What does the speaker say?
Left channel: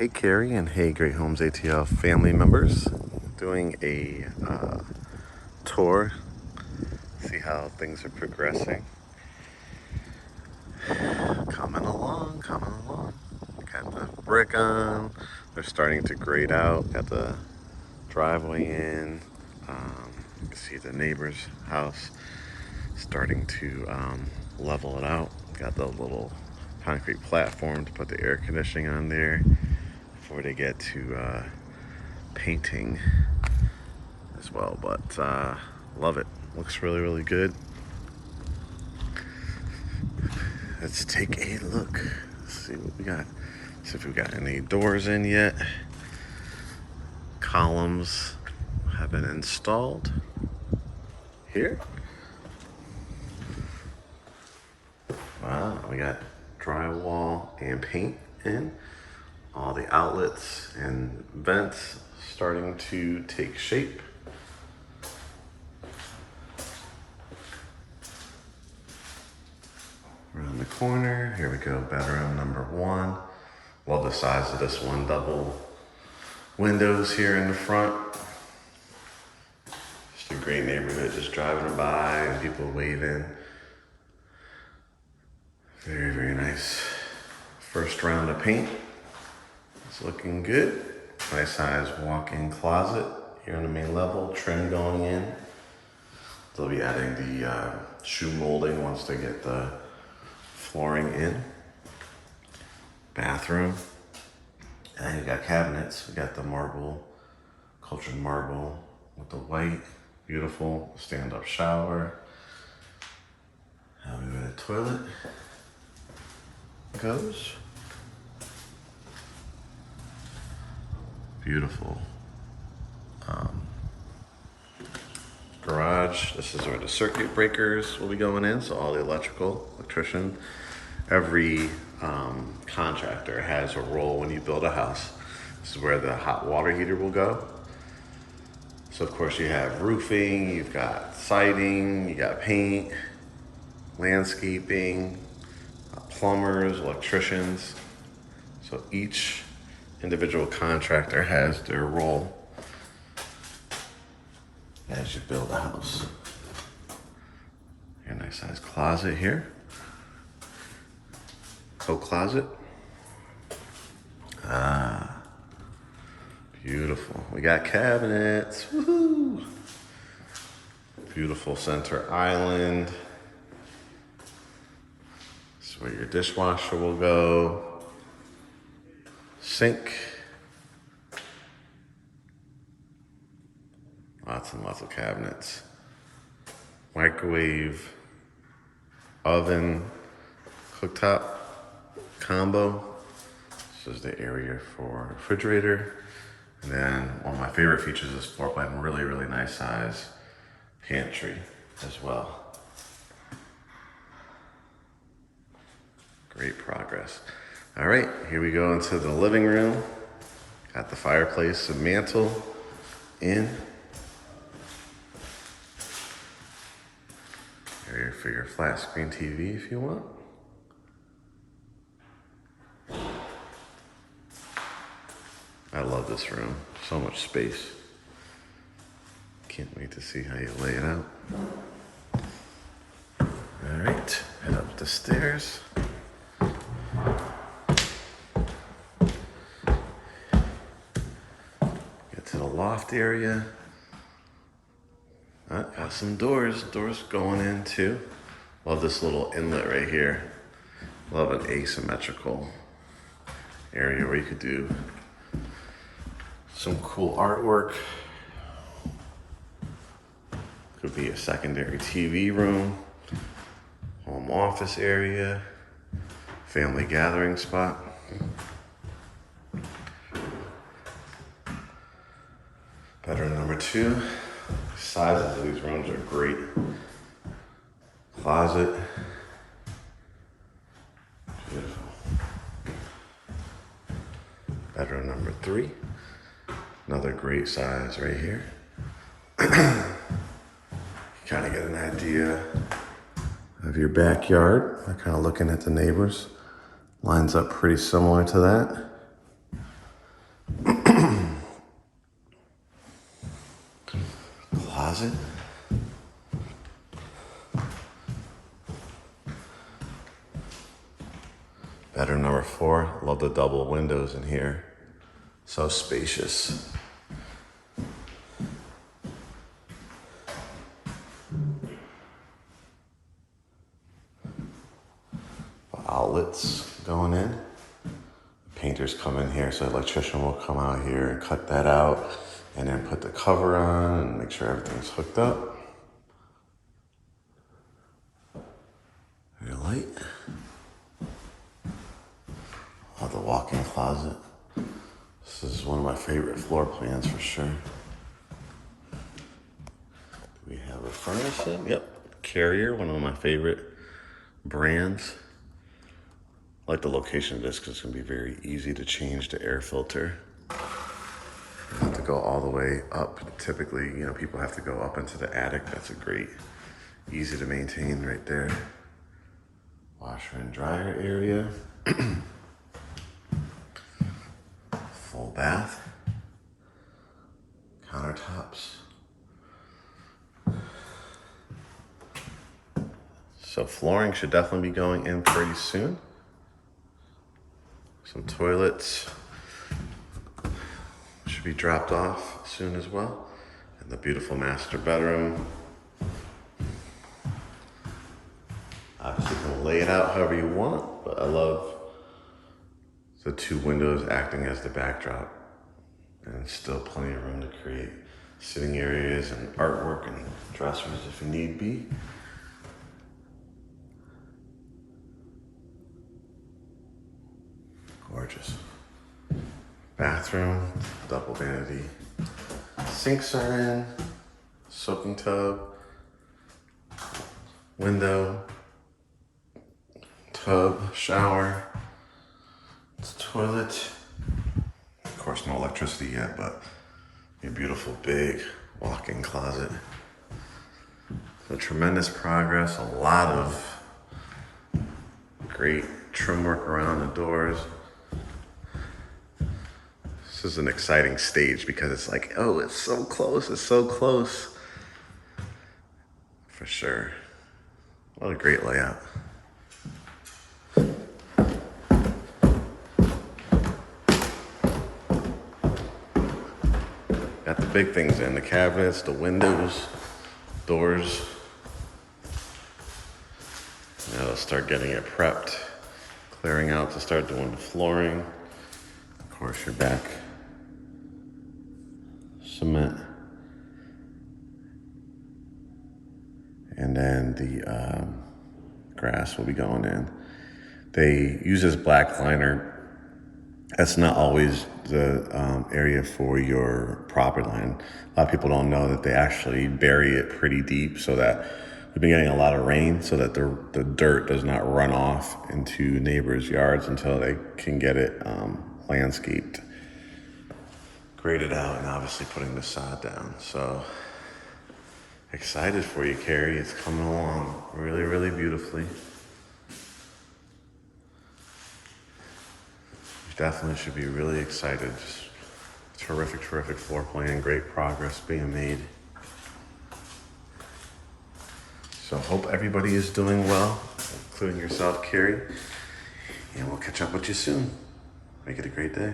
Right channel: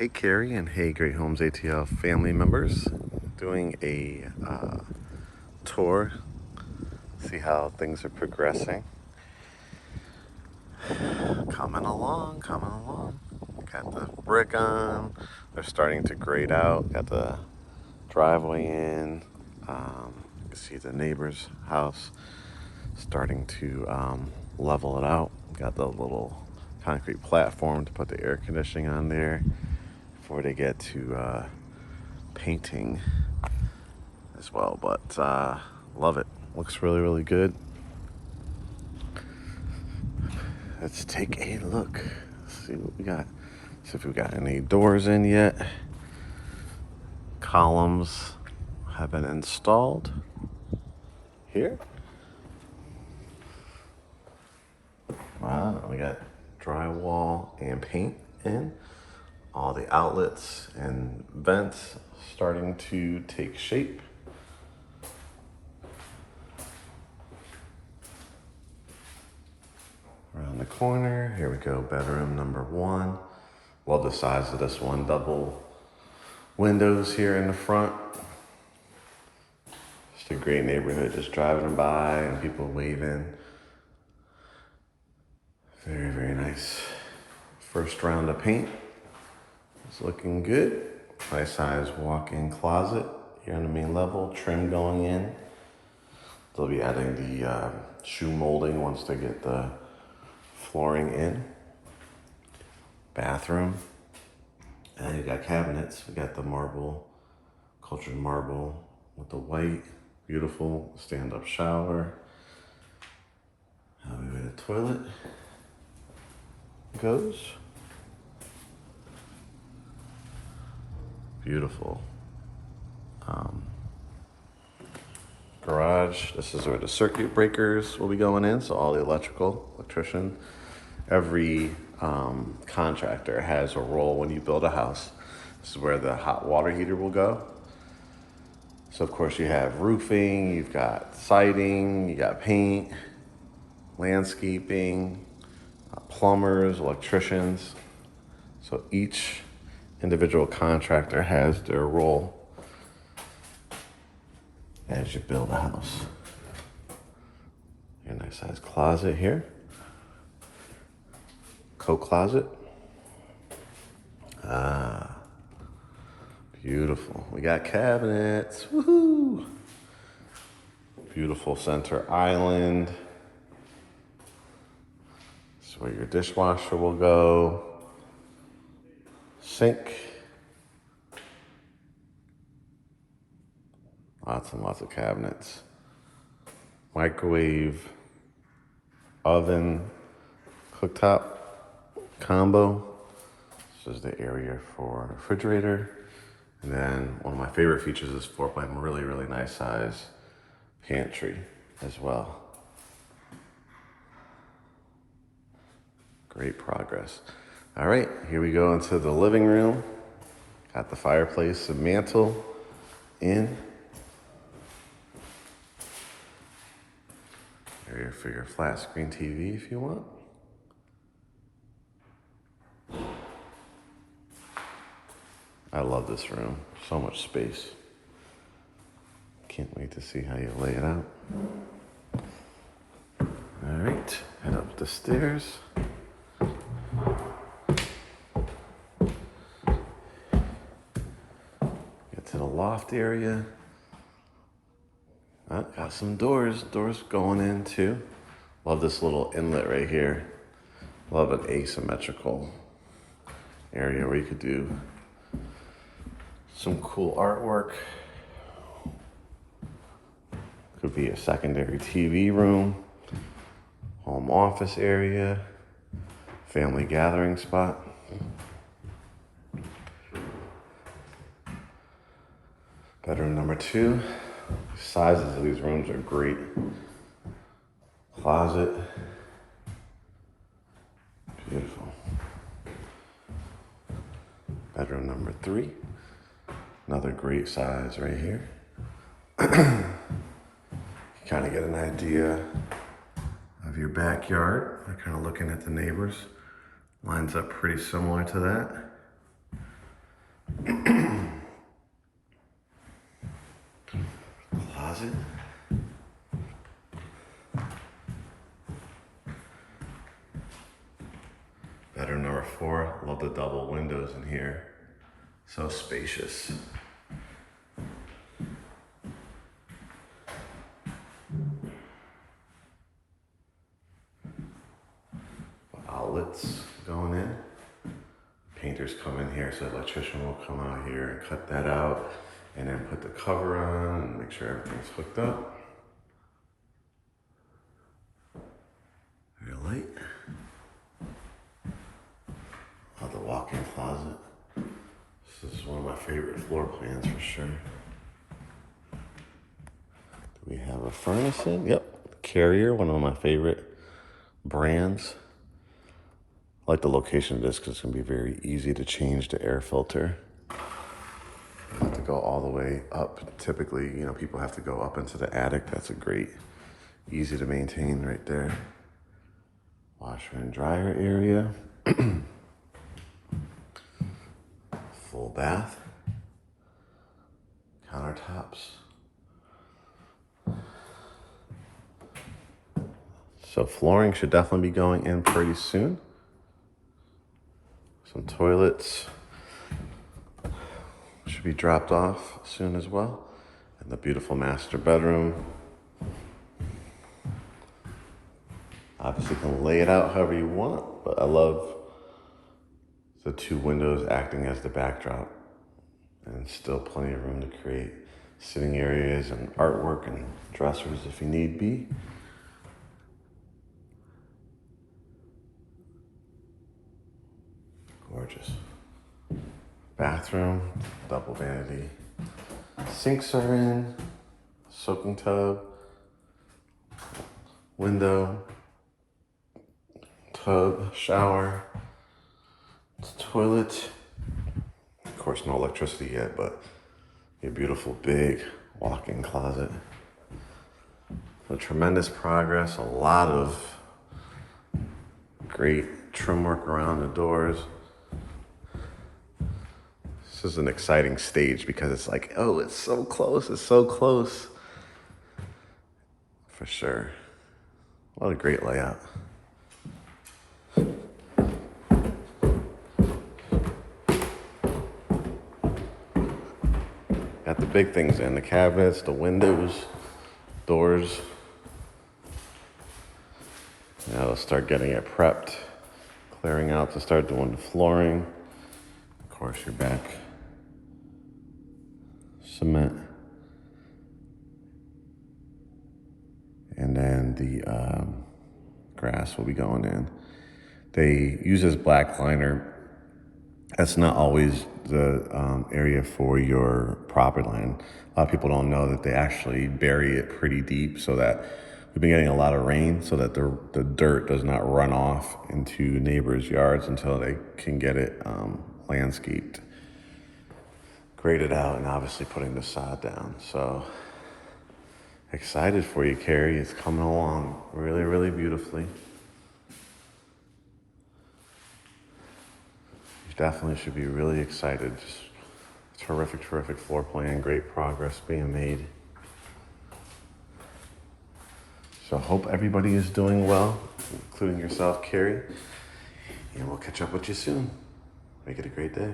Hey Kerry and hey GreatHomesATL family members, doing a tour, see how things are progressing. Coming along. Got the brick on, they're starting to grade out, got the driveway in. You can see the neighbor's house starting to level it out. Got the little concrete platform to put the air conditioning on there before they get to painting as well. But love it, looks really good. Let's take a look, see what we got, see if we got any doors in yet. Columns have been installed here. Wow, we got drywall and paint in. All the outlets and vents starting to take shape. Around the corner, here we go, bedroom number 1. Love the size of this one, double windows here in the front. Just a great neighborhood, just driving by and people waving. Very nice. First round of paint. It's looking good. Nice size walk-in closet here on the main level, trim going in. They'll be adding the shoe molding once they get the flooring in. Bathroom. And you got cabinets. We got the marble, cultured marble with the white, beautiful stand-up shower. How where the toilet goes. Beautiful. Garage. This is where the circuit breakers will be going in. So all the electrician, every contractor has a role when you build a house. This is where the hot water heater will go. So of course you have roofing, you've got siding, you got paint, landscaping, plumbers, electricians. So each individual contractor has their role as you build a house. Your nice size closet here. Coat closet. Beautiful. We got cabinets. Woohoo! Beautiful center island. This is where your dishwasher will go. Sink. Lots and lots of cabinets. Microwave, oven, cooktop combo. This is the area for the refrigerator. And then one of my favorite features of this floor plan, really nice size pantry as well. Great progress. All right, here we go into the living room. Got the fireplace and mantle in. Area for your flat screen TV if you want. I love this room, so much space. Can't wait to see how you lay it out. All right, head up the stairs. Get to the loft area. Got some doors going in too. Love this little inlet right here. Love an asymmetrical area where you could do some cool artwork. Could be a secondary TV room, home office area, family gathering spot. Bedroom number 2. Sizes of these rooms are great. Closet. Beautiful. Bedroom number 3. Another great size right here. Kind of get an idea of your backyard. I'm kind of looking at the neighbors. Lines up pretty similar to that. closet. Bedroom number 4. Love the double windows in here. So spacious. Outlets going in. Painters come in here, so the electrician will come out here and cut that out and then put the cover on and make sure everything's hooked up. Very light. Love the walk-in closet. This is one of my favorite floor plans for sure. Do we have a furnishing? Yep. Carrier, one of my favorite brands. I like the location of this because it's going to be very easy to change the air filter. You don't have to go all the way up. Typically, you know, people have to go up into the attic. That's a great, easy to maintain right there. Washer and dryer area. Full bath. Countertops. So flooring should definitely be going in pretty soon. Some toilets should be dropped off soon as well. And the beautiful master bedroom. Obviously you can lay it out however you want, but I love the 2 windows acting as the backdrop. And still plenty of room to create sitting areas and artwork and dressers if need be. Gorgeous. Bathroom, double vanity. Sinks are in, soaking tub, window, tub, shower, toilet. Of course, no electricity yet, but a beautiful big walk-in closet. So tremendous progress, a lot of great trim work around the doors. This is an exciting stage because it's like, oh, it's so close, it's so close. For sure. What a great layout. Got the big things in, the cabinets, the windows, doors. Now let's start getting it prepped, clearing out to start doing the flooring. Of course, you're back. Cement. And then the grass will be going in. They use this black liner. That's not always the area for your property line. A lot of people don't know that they actually bury it pretty deep so that we've been getting a lot of rain so that the dirt does not run off into neighbors' yards until they can get it landscaped, graded out, and obviously putting the sod down. So excited for you, Kerry. It's coming along really, really beautifully. You definitely should be really excited. Just terrific, terrific floor plan, great progress being made. So hope everybody is doing well, including yourself, Kerry. And we'll catch up with you soon. Make it a great day.